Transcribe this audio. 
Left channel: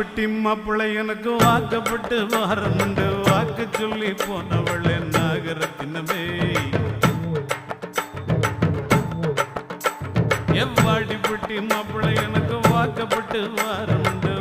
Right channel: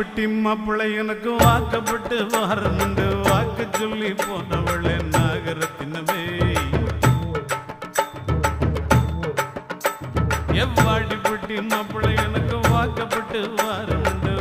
வாடிப்பட்டி மாப்பிள்ளை எனக்கு வாக்கப்பட்டு வாரமுண்டு வாக்கு சொல்லி போனவளே நாகரத்தினமே எவ்வாடிப்பட்டி மாப்பிள்ளை எனக்கு வாக்கப்பட்டு வாரமுண்டு